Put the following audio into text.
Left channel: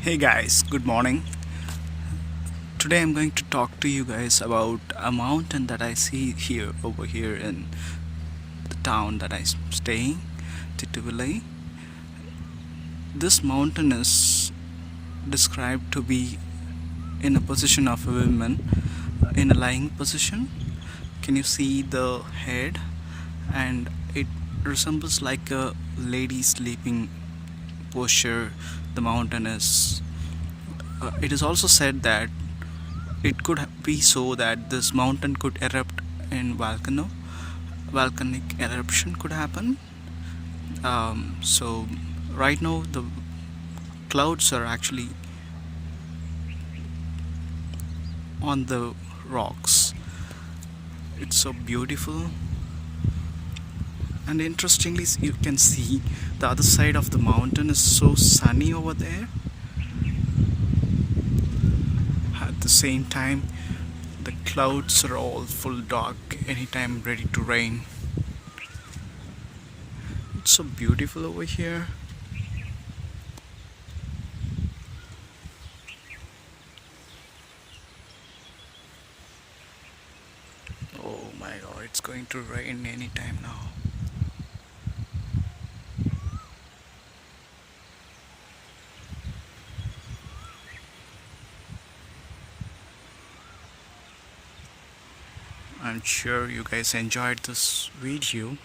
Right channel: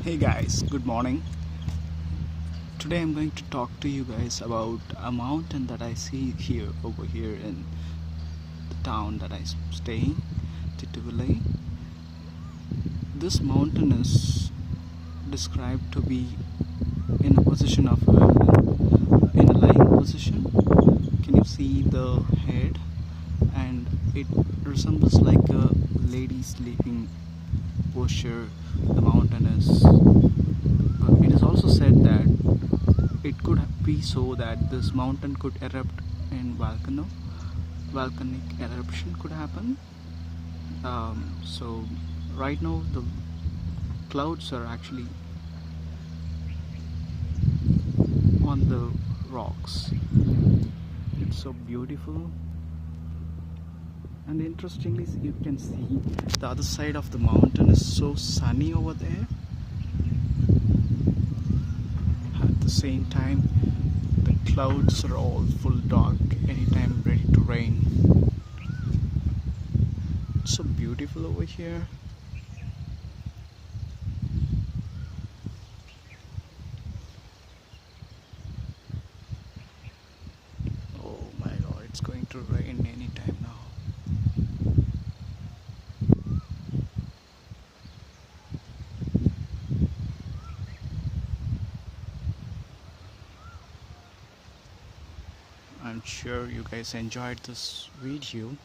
Hey guys, good morning. Today I'm going to talk to you guys about a mountain that I see here over here in the town that I stay, Thituvillai. This mountain is described to be in a position of a woman, in a lying position. Can you see the head? And it resembles like a lady sleeping posture. The mountain is. It is also said that it could be so that this mountain could erupt in volcanic eruption could happen. So right now the clouds are actually on the rocks. It's so beautiful, and interestingly you can see the other side of the mountain is so sunny over there. At the same time, the clouds are all full dark, anytime ready to rain. It's so beautiful over here. Oh my god, it's going to rain anytime now. I'm sure you guys enjoyed this video.